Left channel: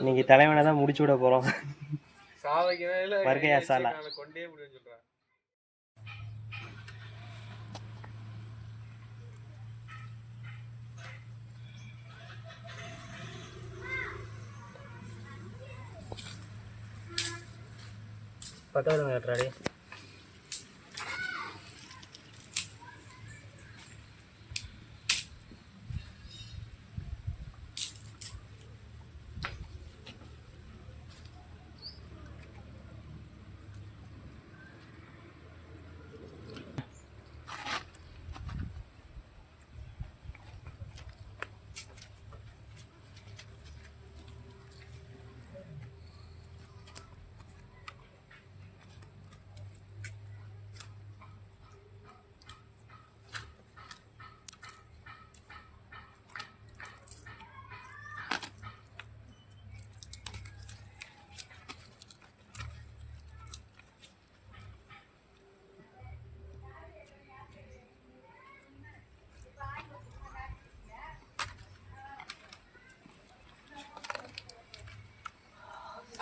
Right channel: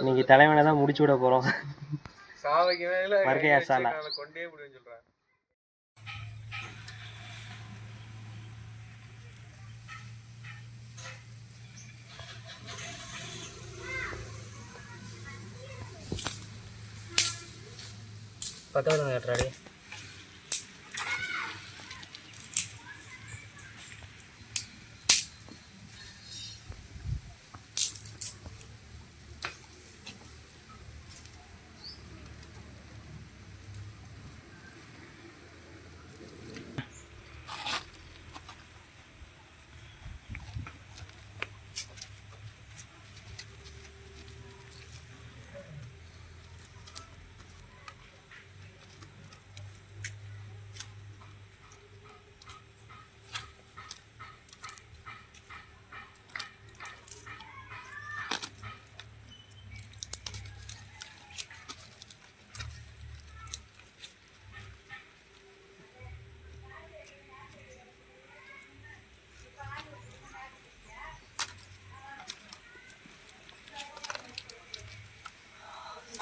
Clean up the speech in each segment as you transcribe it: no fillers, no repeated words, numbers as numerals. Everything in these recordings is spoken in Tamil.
இன்னைக்கு தலைவனை தான் முடிச்சு விட போறோம். வருகையா சாலா கொண்டே முடியும் சொல்றேன். பத்தோட கட்டுறாடி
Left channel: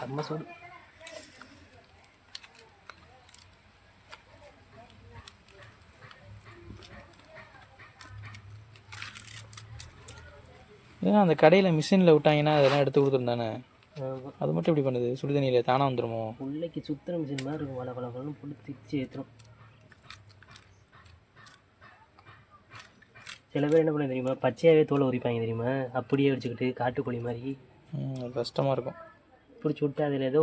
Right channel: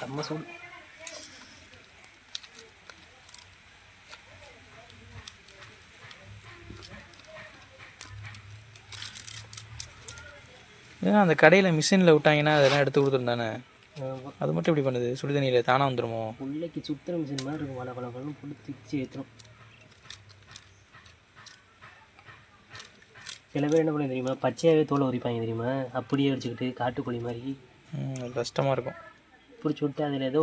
செம்ம சூடு. ஏன்னா அந்த கடையில் மிஷினில் விட்டாங்கன்னா அதெல்லாம் எடுத்து கொடுத்துருந்தானே, அது மட்டும் எப்படி பண்ணுது? சுடு தண்ணியில் தானாக வந்துடுமோ? உள்ளைக்கு சுற்றுற மிஷின் மாதிரி இருக்கும். வள வளன்னு புள்ளி திச்சு ஏற்றுரும். சில பேர் என்ன பண்ண தெரியுமா, பச்சையாகவே தோலை உரிப்பாங்க தெரியுமா, அப்படியே வச்சுக்கிட்டு காட்டுக்கோழி மாதிரி. கஷ்டமாக இருக்கும். பிடிச்சி விட்டு அதில் ஏதோ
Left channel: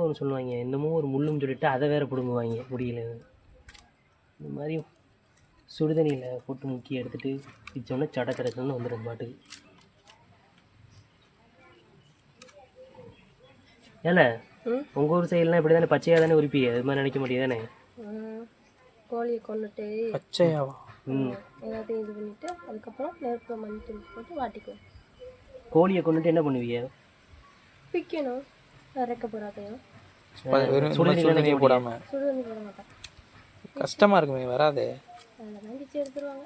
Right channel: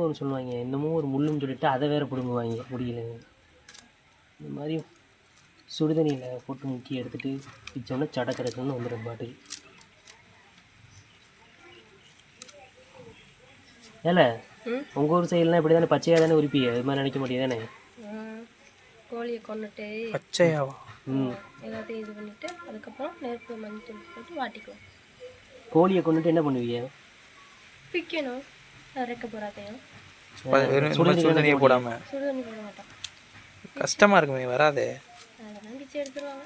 ஒன்று சொல்லுவாங்க, என்னமோ ஒரு முள்ளும் சொல்லிவிட்டு அதை வேறு பிடுங்குவாங்க முடியல. இந்த மாதிரி சுடுதண்ணியில் போட்டு முக்கி எடுத்துகிட்டு பிச்சோன்னா சடச்சடக்குன்னு வந்துடும் பாட்டுக்கு. ஏல உங்கள் ஊர் சைட்லாம் இப்படி தானே பச்சையாக தானே உரிப்பி? அது மாதிரி நினைக்க முடியாது தானே? கோழியை கொண்டுட்டு பச்சையாவா? எல்லாத்தையும் இது பண்ணிவிட்டு அதுக்கப்புறம் நெருப்பு மஞ்சள் போட்டு வாட்டிக்குவோம். கோழியை கொண்டுட்டு என்ன பண்ணுவீங்க? பிக்கணும், இறக்க போகிறாதையும் சுடுதண்ணியை போடாமல். சுடுதண்ணி போட மாட்டோம், கஷ்டமாக இருக்குமே, வராதே. அதெல்லாம் பிச்சு எடுத்துருவாங்க.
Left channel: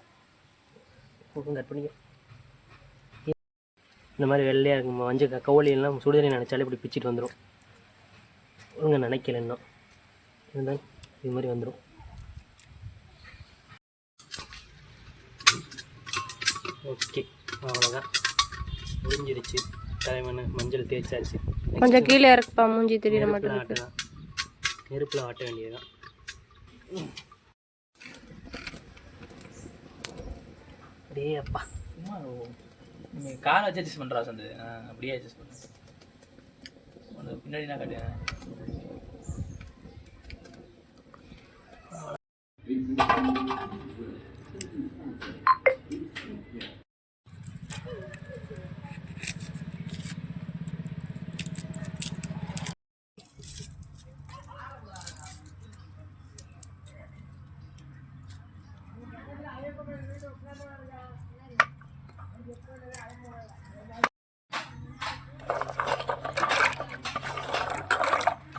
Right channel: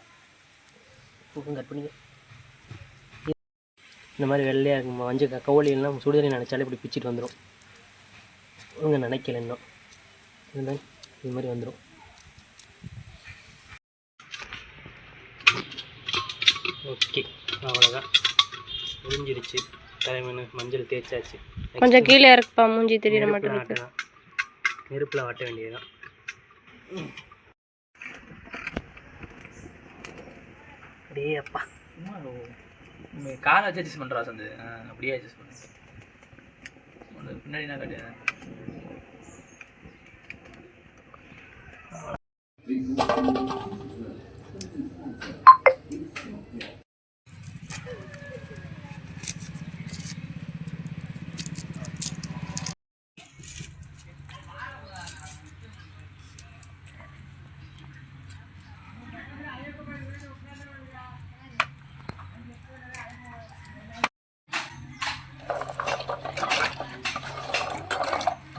கட் பண்ணி இந்த மாதிரி வெள்ளையாக இருக்கும் மஞ்சள் கோழியெல்லாம் சுடுதண்ணி நினச்சாலே இப்படி பிச்சுட்டு வந்துடும். ஒழுங்க நினைக்கல இன்னும் இருந்தால் இது மாதிரி வந்துடும். ஓகே, அவ்வளோதான், முடிஞ்சிடுச்சு. தலைமண் மஞ்சள் தேய்ச்சாச்சு. கொஞ்சம் கீழே இறக்குப்பா, மூஞ்சி தெரியற மாட்டேன். நெருப்பில் வாட்ட வேண்டியதுதான். அப்படியே அப்பா காலை வச்சு அட்ஜஸ்ட் பண்ணுறா சந்து, அப்படியே அட்ஜஸ்ட் பண்ணு. பின்னாடி நான் கட்டியா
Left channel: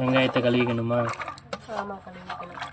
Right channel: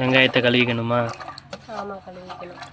வெங்காயத்தை கழுவிக்கணுமா? ஆமாம், கழுவிக்கணும்.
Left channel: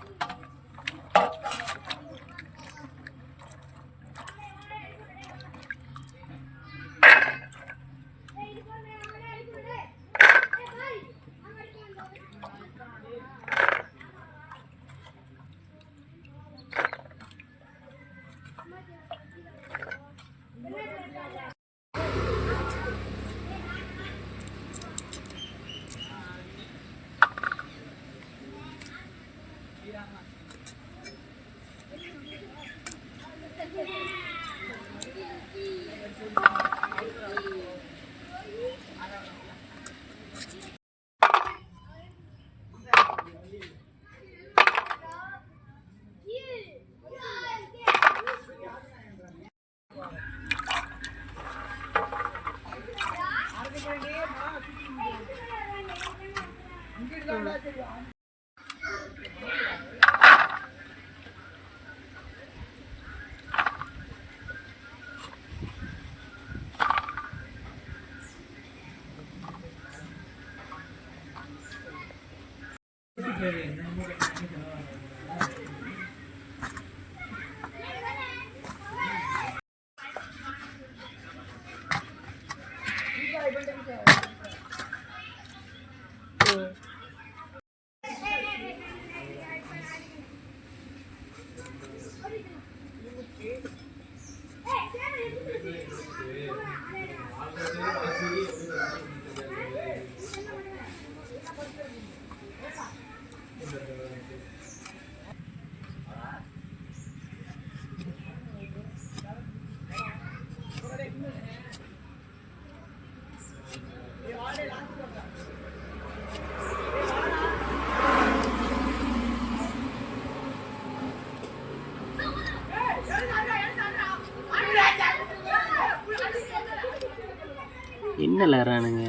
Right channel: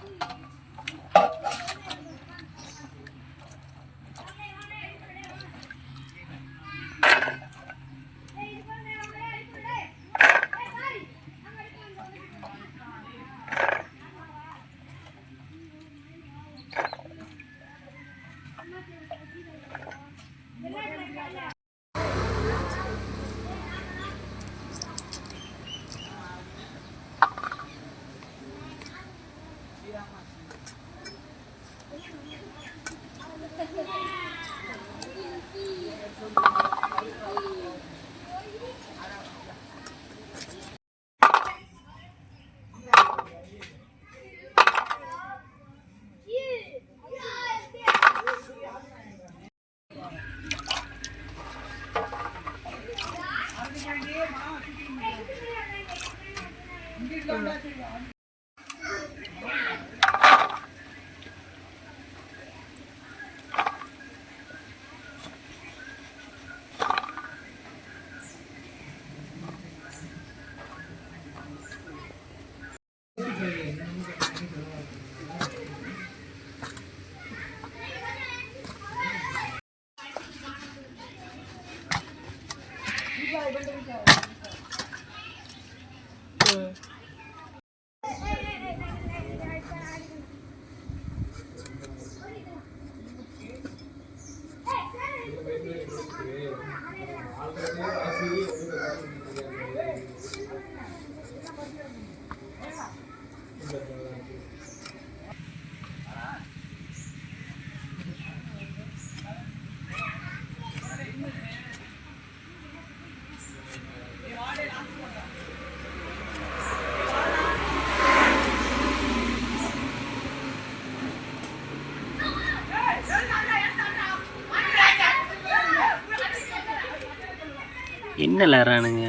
என்ன விளாட்றானுங்க?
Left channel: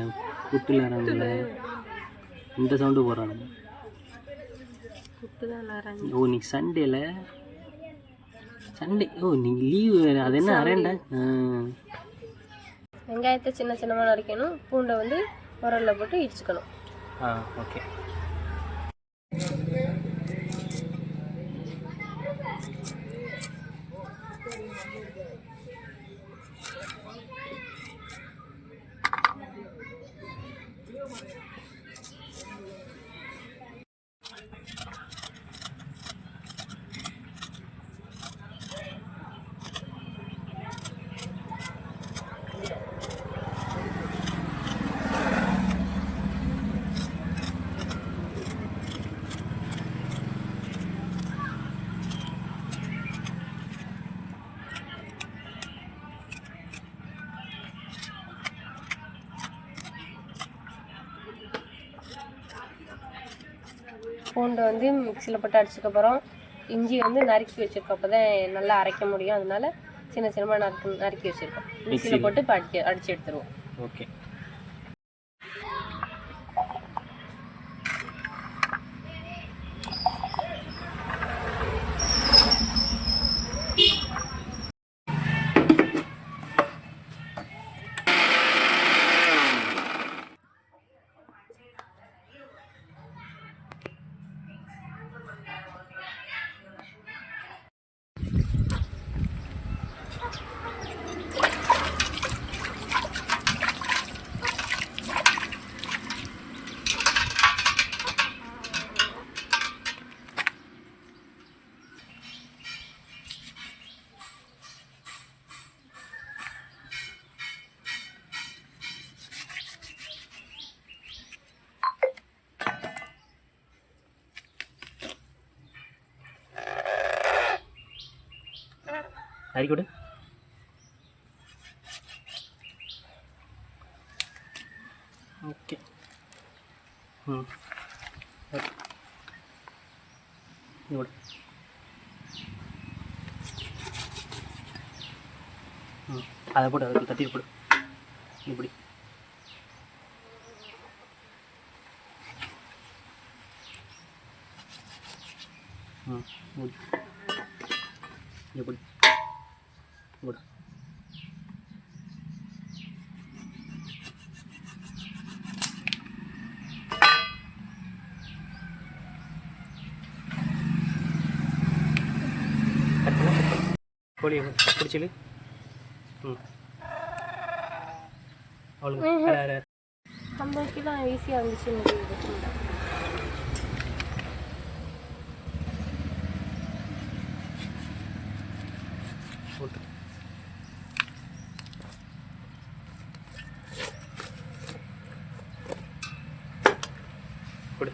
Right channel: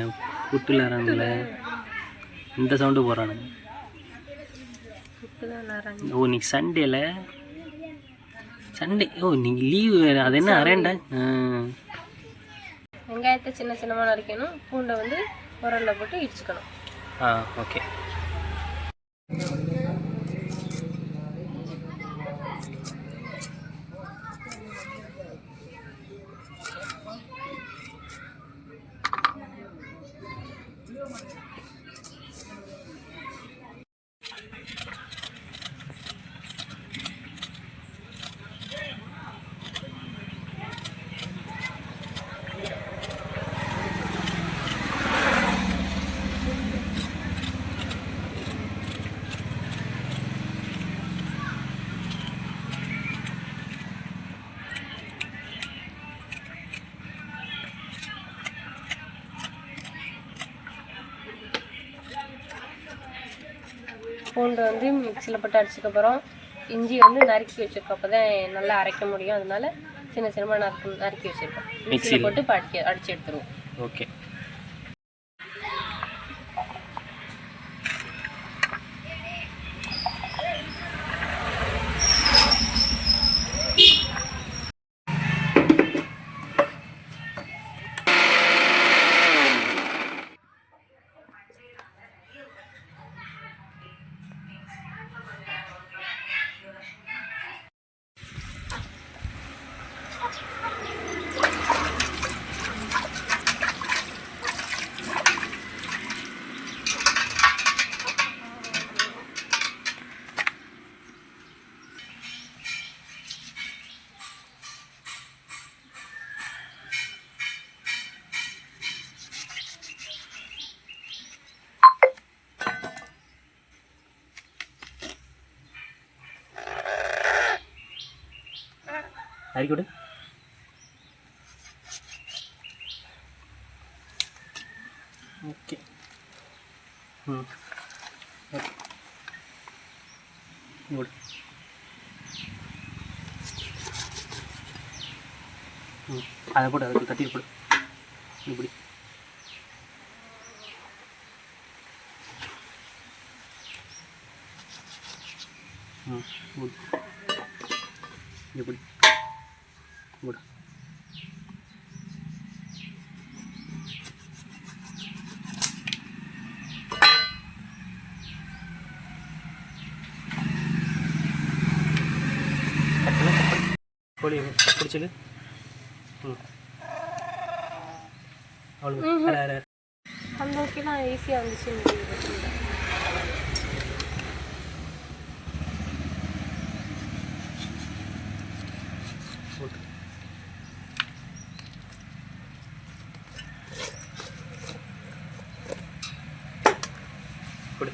புட்டு விளாட்றானுங்கள, இந்த சவுண்டு போடுறானுங்க. புட்டு தான் விளாட்றாங்க. ஓ இன்னைக்கு சண்டேல, சண்டே, ஓ இன்னைக்கு லீவு வேறு. அது என்ன அரேண்டா? வெங்காயத்தை சின்ன சின்னமாக நறுக்கணும், பூண்டை வந்து உரலில் போட்டு இடிச்சுக்கணும். ஓகே. பூண்டு வந்து மிக்சியில் போட்டு அடிச்சதுக்கப்புறம் இஞ்சி வந்து நறுக்கி வச்சுருக்கோம், அப்போ தான் நல்லா அரைக்க முடியும். அதனால சின்ன சின்னமாக நறுக்கி வச்சுருக்கோம். மிக்சியில் போட்டு இப்போ அடித்து எடுத்துருவோம். ஓகே. அரிக்கி விடு. ஓகே. ஓகே விடு. அதை போட்டு அதுக்கு தட்டி போடு. இப்படி இப்படி விடு. கோழியை பிடிச்சிடு. அவளுக்கு அந்த வரைக்கும் ஈஸியாக இருந்துச்சு. கொடு.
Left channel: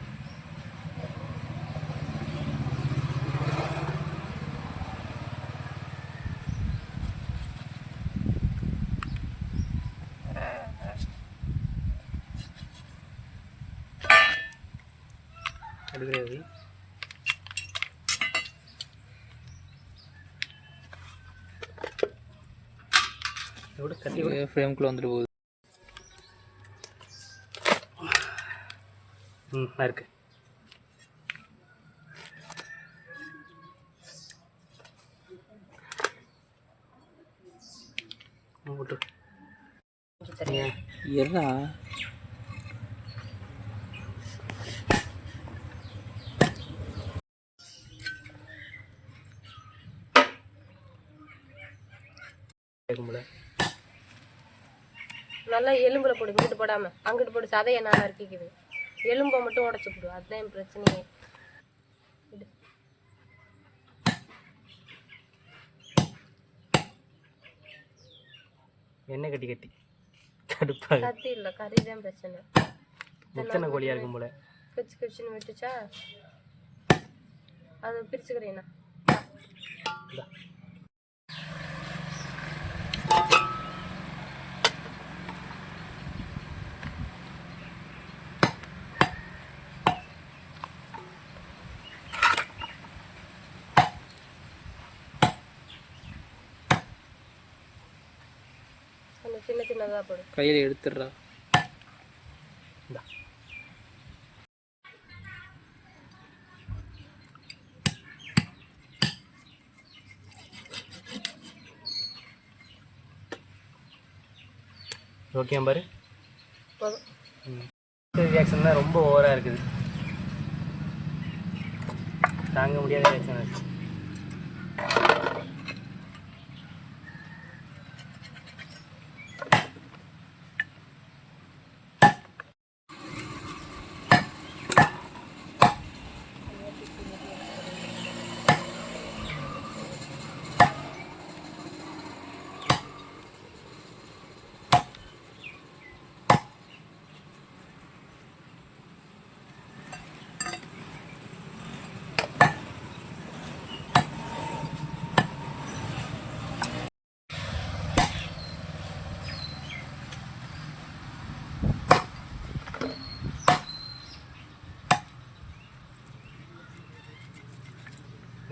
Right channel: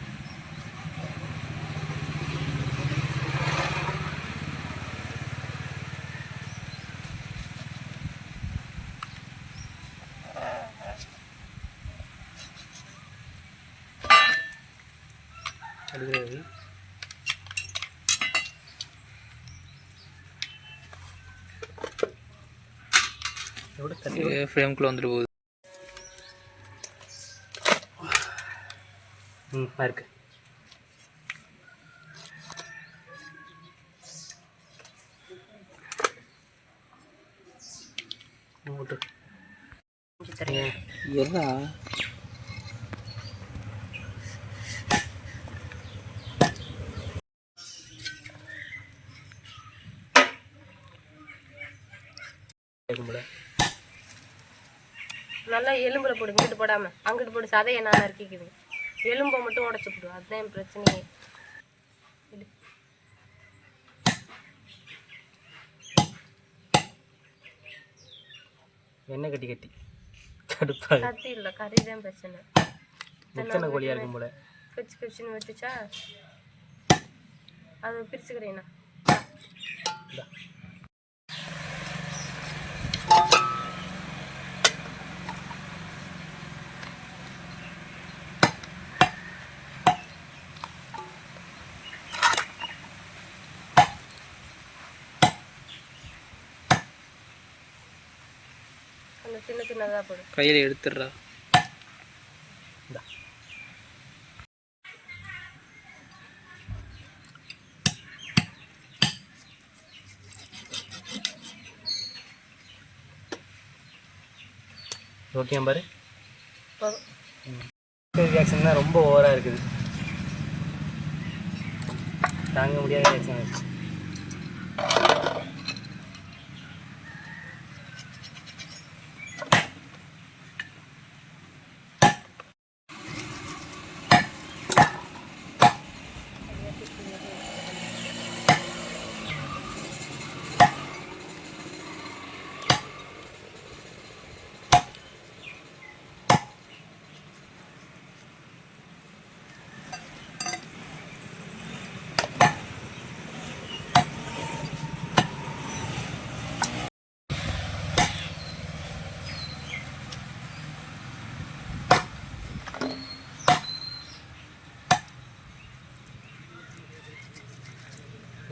அடுக்கிறது எவ்வளோ தட்டி ஃப்ரேம்குள்ளே வந்துட்டு போகுது. இருக்கு. எறா நல்லா நல்லா எலும்பில் போடு, இங்கிட்டு போடாமல் அங்கிட்டு போட்டு சதையை நான் நறுக்கிக்குது. எலும்பை மட்டும் உடச்சி போடு, அதுதான் என் பிரச்சனையே. எண்ணெய் கட்டி கட்டி கடுப்பாக கத்தி இல்லை, கறி தான் பிரச்சனை. முத்தனை கோழியாக இருக்கும் போல. கச்சு கச்சுன்னு விட்டுச்சா அது பிரிச்சுக்கிறேண்ணா. சின்ன சின்னதாக போடும். கையில் எடுத்துடுறா. ஓகே பாரு. ரியாக்ஷன் தான் ரொம்ப ஓவராக இருக்குது, தாங்க முடியாத ரியாக்ஷன் இருக்குது.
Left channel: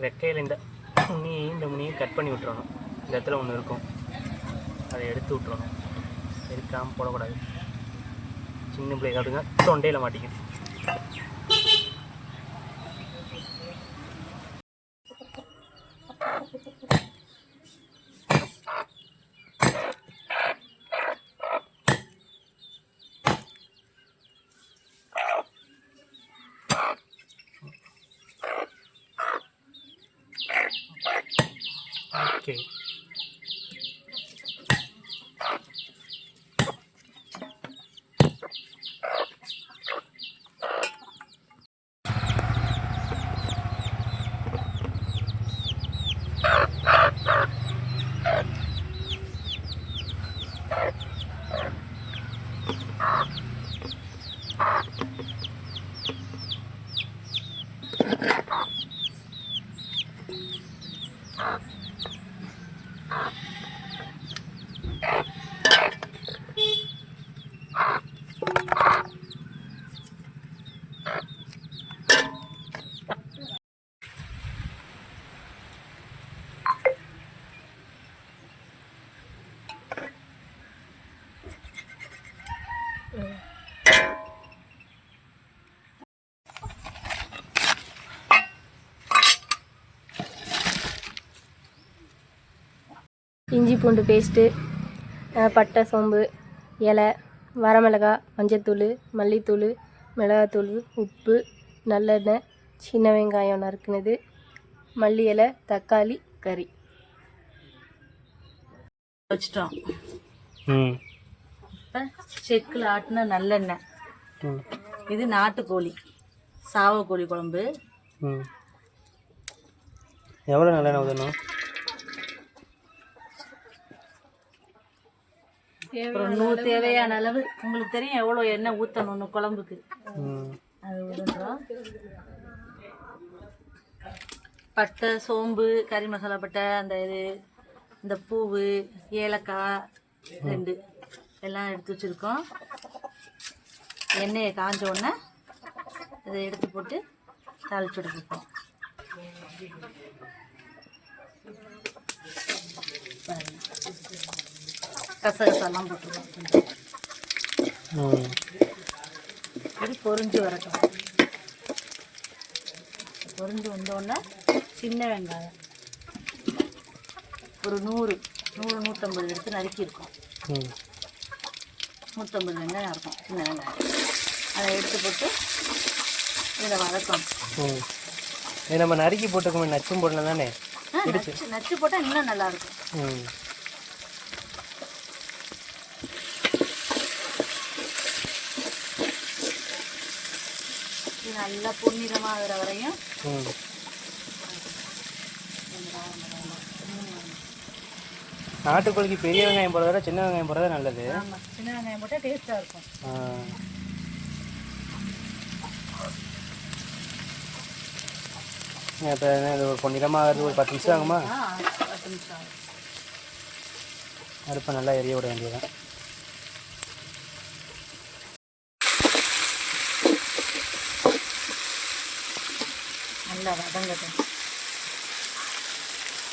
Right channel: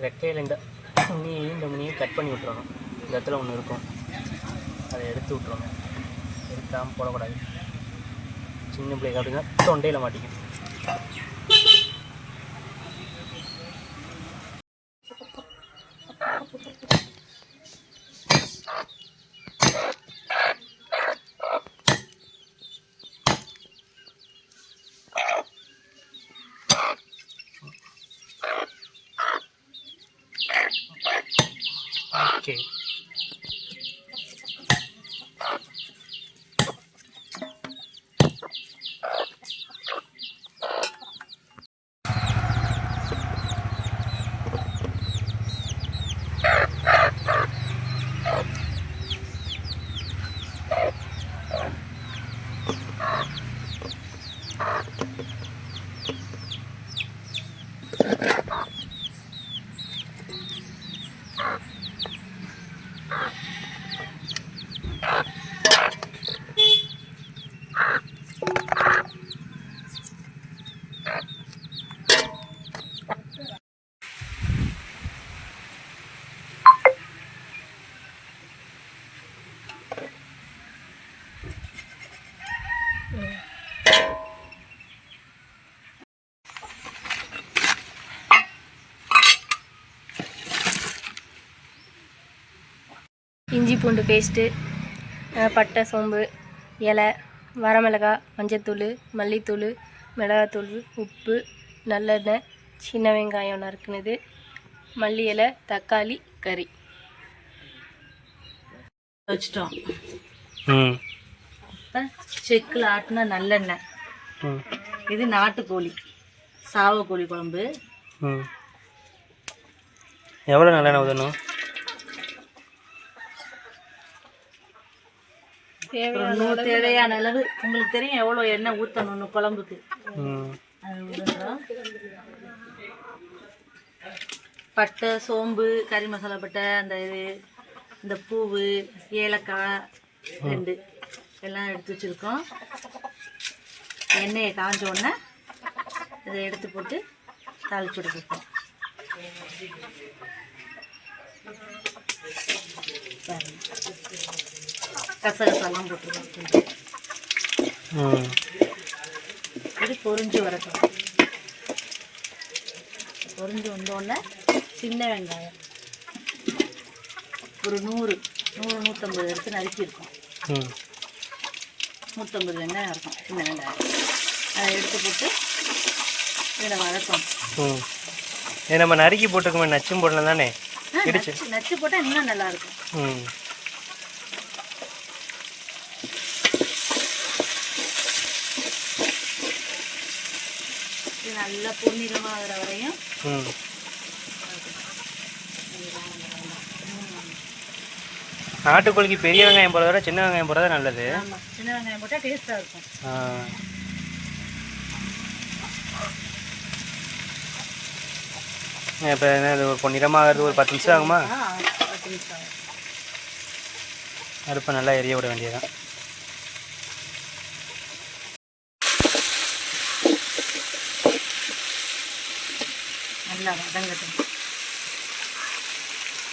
ரெக்கையில் இந்த முனியை கட் பண்ணி விட்டுறணும். இந்த இடத்துல ஒன்று இருக்கும், அதை எடுத்து விட்டுறணும். எடுக்காமல் போடக்கூடாது. சின்ன பிள்ளைங்க அப்படின்னா தொண்டையில் மாட்டிக்கும். ஓகே, இஞ்சி பூண்டு பேஸ்ட்டு, பட்டை சோம்பு இலை, வரமிளகாய், மஞ்சத்தூள், மல்லித்தூள், மிளகாத்தூள், உப்பு, நல்லெண்ணெய், சின்ன வெங்காயம் நறுக்குனது, மல்லி இலை, தக்காளி, கறி வச்சிட்டோம். இப்போ செக்கில் ஆட்டின நல்லெண்ணெய். இது நாட்டுக்கோழி சாவக்கோழி குழம்பு. எவ்வளோ நல்லெண்ணெய் ஊற்றணும்? தேவையான அளவு உங்களுக்கு தெரியும் எவ்வளோ எண்ணெய் ஊற்றணும்னு குழம்புக்கு. அது விடுறோம். பட்டை சோம்பு கறி மசாலா பட்டை அந்த இது இந்த பூவு ஏலக்காய் 2 எல்லாம் எடுத்து வச்சுருக்கோம். எண்ணெயை காஞ்ச உடனே இதை எடுத்து போட்டு தாளிச்சு விட்டுருக்கோம். கசகசாலாம் போட்டுருக்கோம். இது பொரிஞ்சு வரட்டும். பொரிஞ்சு வந்தோடனே சின்ன வெங்காயம் ஒரு 100-150 எடுத்து நறுக்கியிருக்கோம். 150 வெங்காயம் இருக்கும், சின்ன வெங்காயம். அதை எடுத்து போட்டு இதில் வதக்கணும். இது நம்ம நறுக்கி போட்டுக்கோமே, நச்சும் போடலாம் தானே? நச்சு போட்டால் இன்னும் நல்லாயிருக்கும். இது நல்லா பொன்னிறமாக ஆகிற வரையும் ம் நாட்டுக்கோழிக்கு பெரிய வெங்காயம் போடுறத விட சின்ன வெங்காயம் போடுறது நல்லது. ஆமாம், சின்ன வெங்காயம் போட்டால் டேஸ்ட்டாக இருக்கும். இப்போ என்ன இது பொன்னிறமாகிறது ஒரு 10 நிமிஷம் ஆகுமா? 10 நிமிஷம் ஆகும். அடுப்பை நல்லா எரிய விட வேண்டியதான். நல்லா வதங்கட்டும்,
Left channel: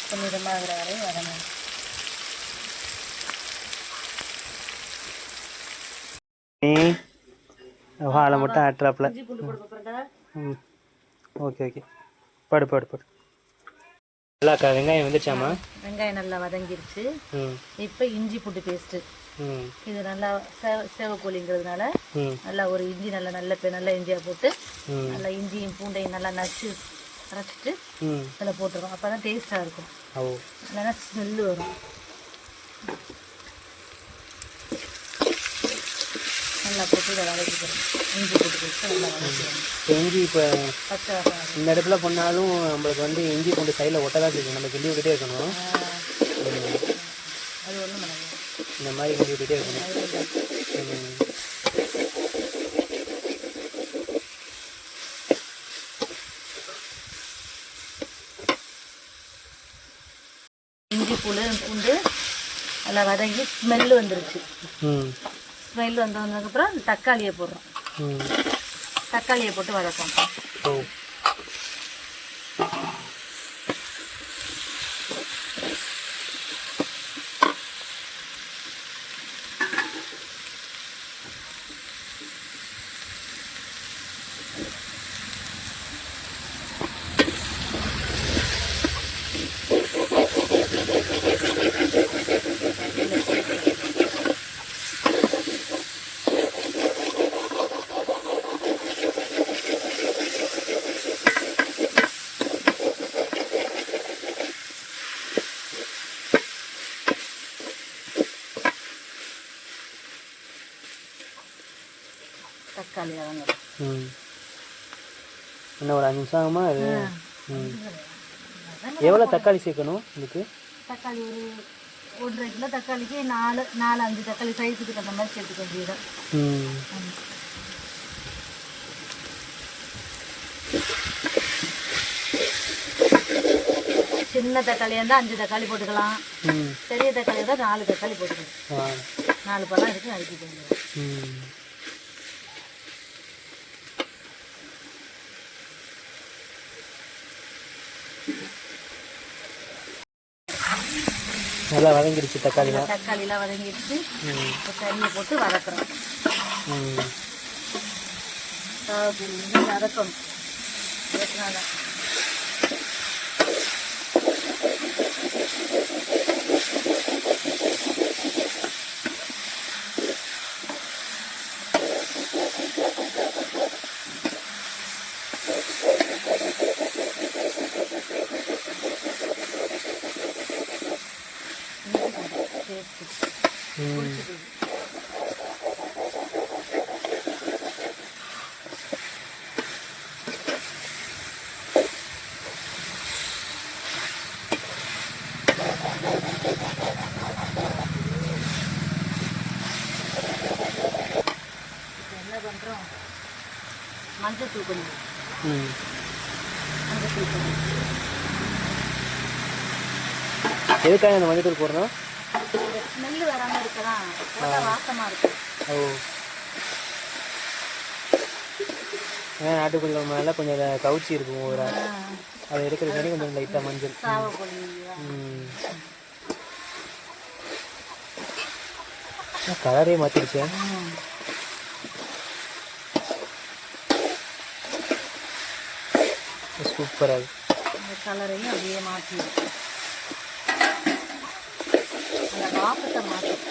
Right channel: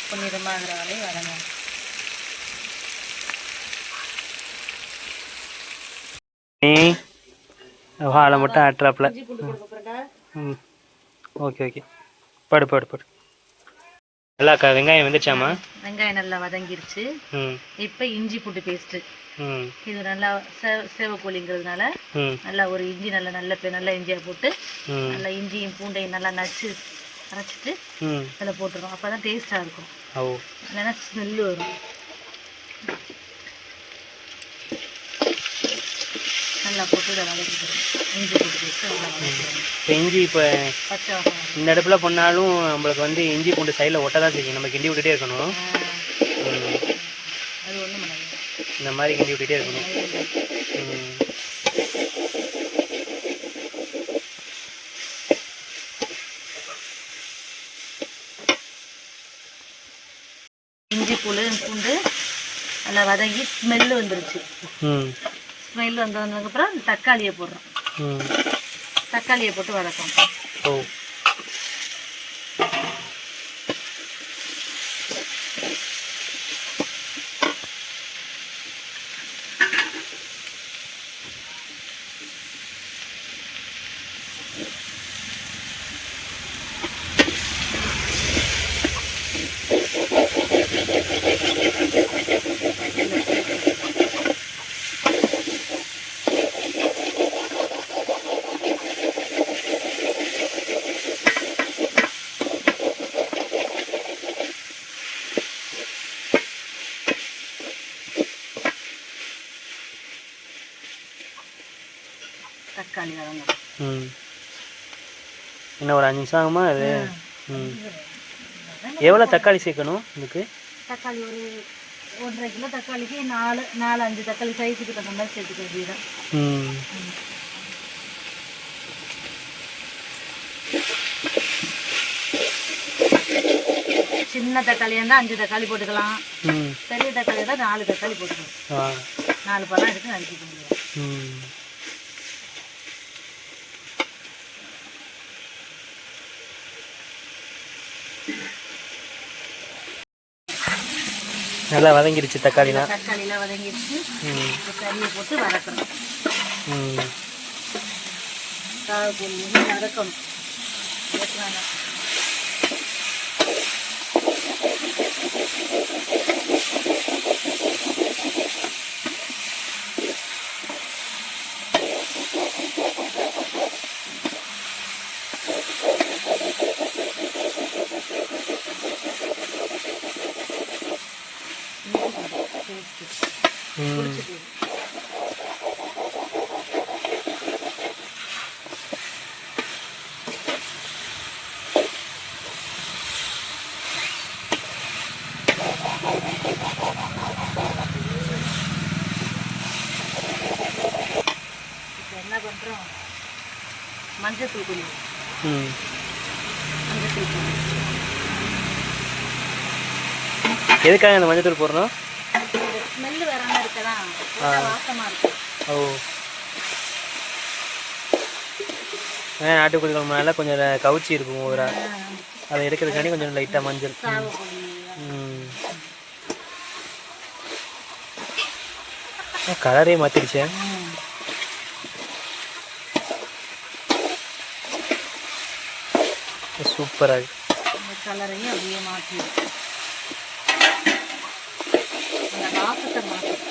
பொன்னிறமாகிற வரையும் வதங்கணும். வாழை மட்டும் ஆட்டுறாப்புல. இஞ்சி பூண்டு போட்டு போகிறேன்டா. ம் ஓகே ஓகே, படு படு படு. நல்லாக்கா வெங்காயம் வந்துச்சாமா? வெங்காயம் நல்லா வதங்கிருச்சு. ம் இப்போ இஞ்சி பூண்டு பேஸ்ட்டு. ம் இது நல்லா சேவக்கோழிங்கிறதுனால ம் நல்லா ஒரு இஞ்சி நல்லா இஞ்சியாக போட்டு ம் நல்லா இஞ்சியும் பூண்டையும் நல்லா நச்சு அரைச்சிட்டு ம் அதில் போட்டுருவோம். அப்போ தான் டேஸ்ட்டாக இருக்கும், ஓ இல்லைன்னா ஸ்மெல்லு வரும். நல்லா போட்டு இதை வதக்கிக்கிறோம். இஞ்சி போட்டு பேஸ்ட்டு நல்லா வதக்கிக்கிறோம். இப்போ இஞ்சி இப்போ பச்சை வாசம் இந்த அடுப்பில் பண்ணாலும் நம்மளுக்கு வந்து இஞ்சி பூண்டு சைடில் ஒட்ட தான் செய்யும். நம்ம கிண்டி விட்டுட்டே இருக்கணும். அது ஒன்றும் பண்ணாது, இந்த மாதிரி கிண்டி விட்டுட்டே இருக்கணும். இஞ்சி பூண்டு நல்லா வதங்கி ஸ்மெல்லு வந்துருச்சு. ஸ்மெல் வந்ததுக்கப்புறம் தக்காளியை போடுறோம். தக்காளியை போட்டு வதக்கும். ஓ தக்காளி வதங்கணும். இன்னும் ஒரு 5 நிமிஷம் ஆகுமா அது? எவ்வளோ தக்காளி சேர்க்கணும் இதுக்கு? தக்காளி ஒரு 1.5 கிலோ தக்காளிக்கு 4-5 தக்காளி சைஸுக்கு தகுந்த மாதிரி சேர்த்துக்க வேண்டியதான். சின்ன தக்காளியாக இருந்தால் 5 தக்காளி போட்டுக்கலாம், பெரிய தக்காளியாக இருந்தால் 4 தக்காளி போட்டுக்கலாம். 4 பழம் எடுத்து நறுக்கிக்க முடியும். நல்லா வதங்கிடுச்சு தக்காளிலாம். தக்காளிலாம் வதங்கிடுச்சு. இப்போ கறியை போட்டு வதக்குறோம். வதக்கணும். வதக்கினாதான் என்ன பண்ணுறோம், மஞ்சள் தூள் கொஞ்சம். மஞ்சள் தூள் எதுக்காக இந்த மஞ்சள் தூள் போடணும்? ஸ்மெல்லு வேற மாதிரி இருக்கதான், வாசமாக இருக்கும். ஓ நாட்டுக்கோழி குழம்புனால கொஞ்சம் கவுச்சி இருக்கும் ஒரு அதை எடுக்கிறதுக்காண்டி கொஞ்சம் லைட்டாக மஞ்சள். கலரே மாற்றிடுச்சே. சூப்பராக இந்த கலரையும் அப்படியே மாற்றி அந்த வாசத்தை மாற்றும்.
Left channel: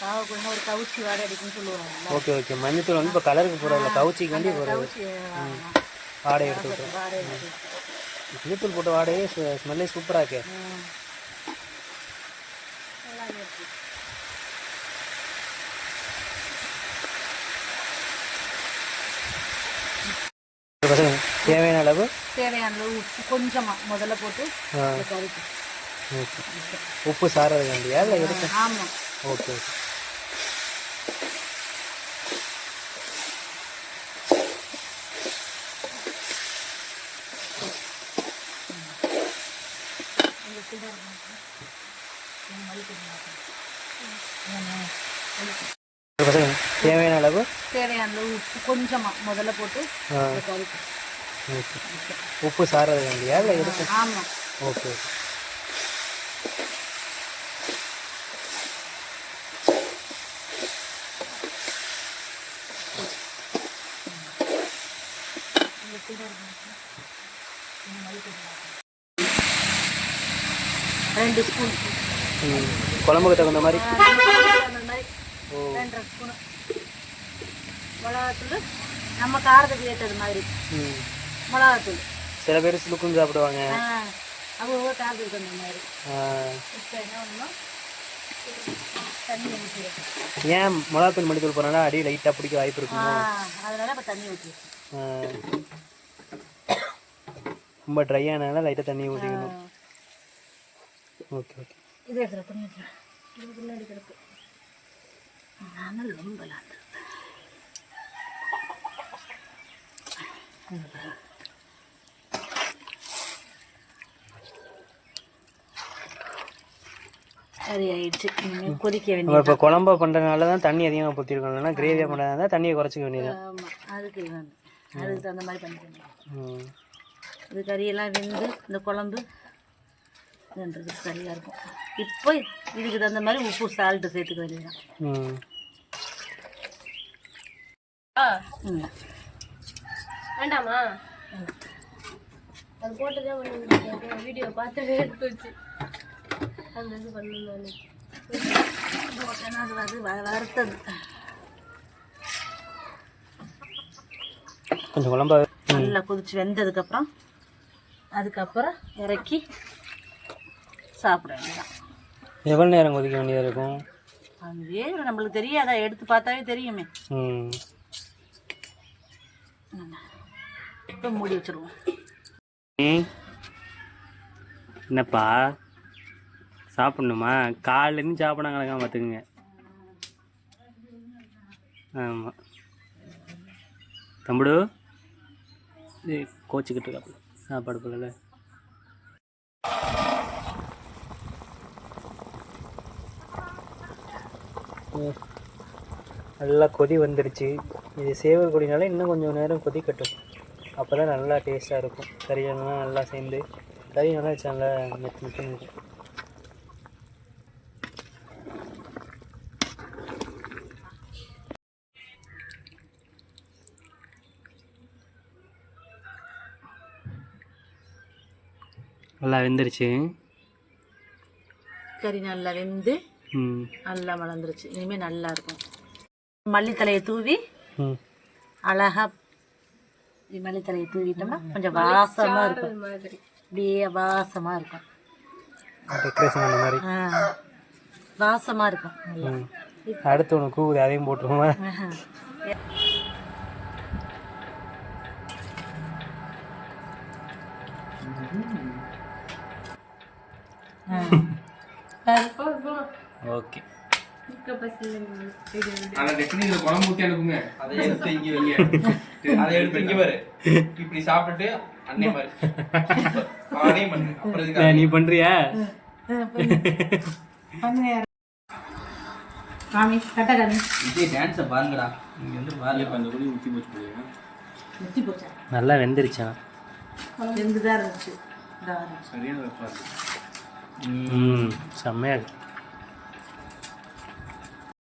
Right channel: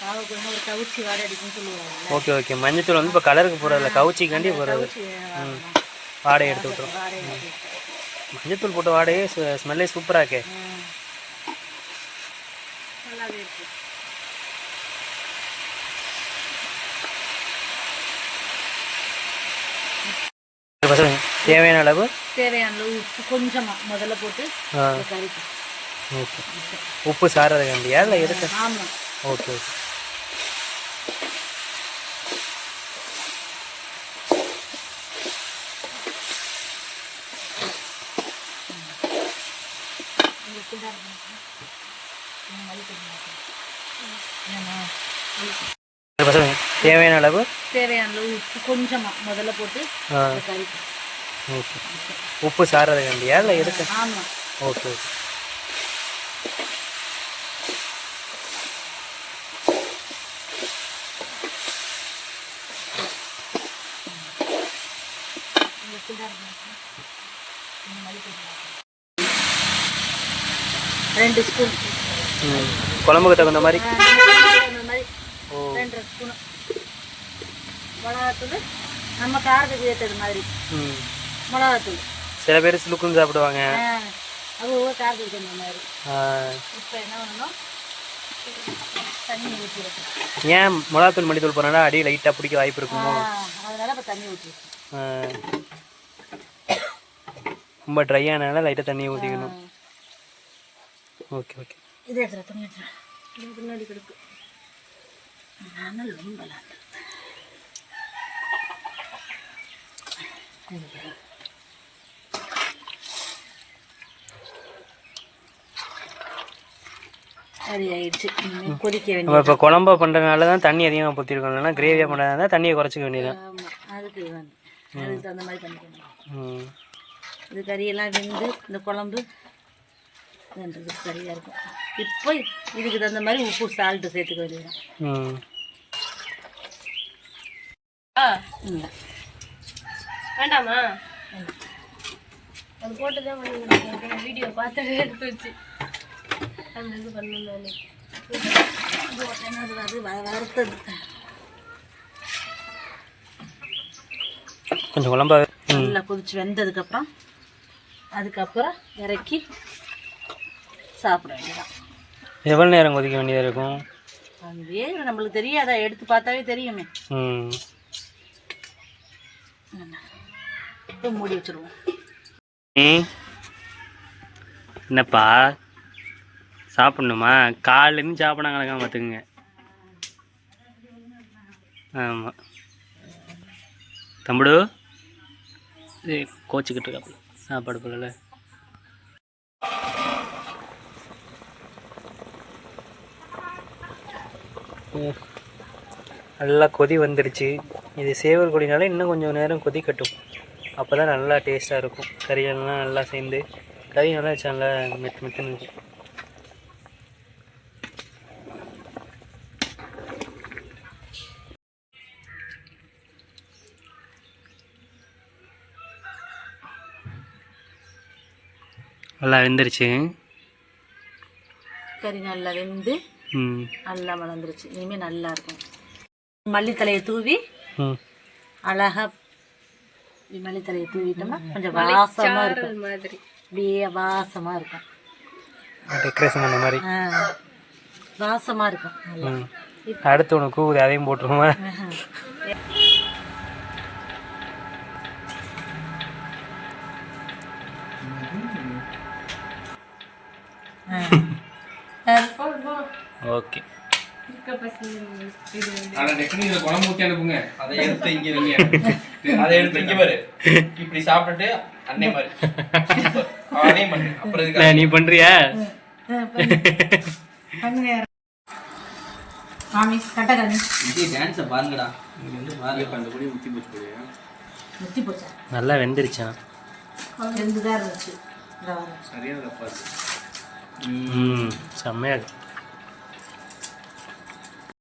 காவக்குள்ள ஒரு கவுச்சி வாடை அடிக்குன்னு சொல்லுவாங்க. ஓகே ஓகே, மஞ்சத்தூள் வந்து இப்போ கலருக்கு போகிறதில்ல, கவுச்சிக்காண்டி போகிறது. வாடையை எடுத்து விட்டுரும். மஞ்சத்தூள் போட்ட வாடையே ஸ்மெல்லே சூப்பராக இருக்கே. தேவையான அளவு தேவையான அளவு உப்பு கொஞ்சமாக முதல்ல போட்டு கறிக்கு. ஓகே. உப்பு சாரதுக்காண்டியா இல்லை இருக்கு? ஆமாம். Okay okay. தேவையான அளவு உப்பு கொஞ்சமாக முதல்ல போட்டு கறிக்கு. ஓகே. உப்பு சாரதுக்காண்டியா இல்லை இருக்கு? ஆமாம். Okay okay. ரெண்டு ஸ்பூன் குழம்புக்கு தகுந்த மாதிரி. அந்த மாதிரி 2 ஸ்பூனு மிளகாத்தூள், நம்ம காரத்துக்கு ஏற்றது மாதிரி மிளகாத்தூள். சில பேர் சுளுக்குன்னு சாப்பிடுவாங்க, அது ஒவ்வொரு காரத்துக்கு தகுந்த மாதிரி. இப்போ என்ன பண்ணணும், தண்ணி ஊற்றிடுவோம். ஏன் மிளகாத்தூள் மல்லித்தூள் போனால் அடி லைட்டாக பிடிக்க வாய்ப்பு இருக்குமோ? அதனால இப்போ தண்ணி ஊற்றிடுவோம். ரொம்ப ட்ரை ஆனால லைட்டாக தண்ணி ஊற்றிக்கணும். Okay okay. இது எடுத்துகிற தண்ணி எடுத்துகிறேன். இது முன்னாடி கிடக்கு. ஆனால் ரொம்ப சரி ஆயிடுச்சு. கொதிக்க வேண்டியது. இப்போ குழம்பா பண்ணுறதுனால தான் தண்ணி அதிகமாக ஊற்றிருக்கோம், இல்லைன்னா கிரேவியாக பண்ணுறதா தண்ணியை குறைச்சிக்க வேண்டியது. ஆமாம், அதுக்கு தகுந்த மாதிரி பண்ணிக்கணும். இது கறியெல்லாம் வெந்து இந்த குழம்பு இதுன்றதுக்கு சரியாக இருக்கும். இப்போ இதுக்கு தகுந்த மாதிரி உப்பு சால்ட்டு சேர்த்துக்க வேண்டியதுதான். வேண்டாமா? அது போட்டு தான் வீடியோ பார்த்து எடுத்து வச்சு அந்த இது பண்ணணும். அது வறுத்தது கொஞ்சம் குழம்பா நல்லா கொதிச்சு வெந்ததுக்கப்புறம் அதுக்கப்புறம் இறக்கி சாப்பிட வேண்டியதான். எவ்வளோ நேரம் கொதிக்க வேண்டியதாக இருக்கும்? அதுவே நம்மளுக்கு தெரியாதா, எடுத்து பார்த்தாவே தெரியுமே. இப்போ மூடி வச்சுருவோம். என்னப்பா சாப்பிட்ணுமா? காலையிலேருந்து சாப்பிட கணக்காக பார்த்துக்குங்க. ஆமாம் தம்புடு கோச்சிக்கிட்டு இருக்காப்புல சாப்பாடு போல. நல்லா கொதி வந்துடுச்சு. இது சேவல் கொடினால இன்னும் கொஞ்சம் நேரம் கொதிக்கட்டும், அப்போ தான் நல்லா டேஸ்ட்டாக இருக்கும். கறியெல்லாம் நல்லா சேர்ந்து கறி நல்லா வச்சு நல்லா மெத்து மெத்துன்னு இருக்கும். நல்லா வெந்துருச்சு. கறி நல்லா வெந்து நல்லா வளர்ந்துருச்சு. இனிமேல் நல்லா இருக்கும். மல்லித்தலையை தூவி அழகா மல்லித்தலையை தூவிட்டோம்னா கொஞ்சம் வாசமாக இருக்கும். அப்படியே வாசமாக இருக்கும். டெக்கரேஷன் பண்ண மாதிரி வாசமாக இருக்கும். அடுத்து உனக்கு அதையும் போட்டுருவோமா? ஓகே. நீ பண்றியா? நல்லா வெந்துருச்சா? செம்மையா இருக்கு.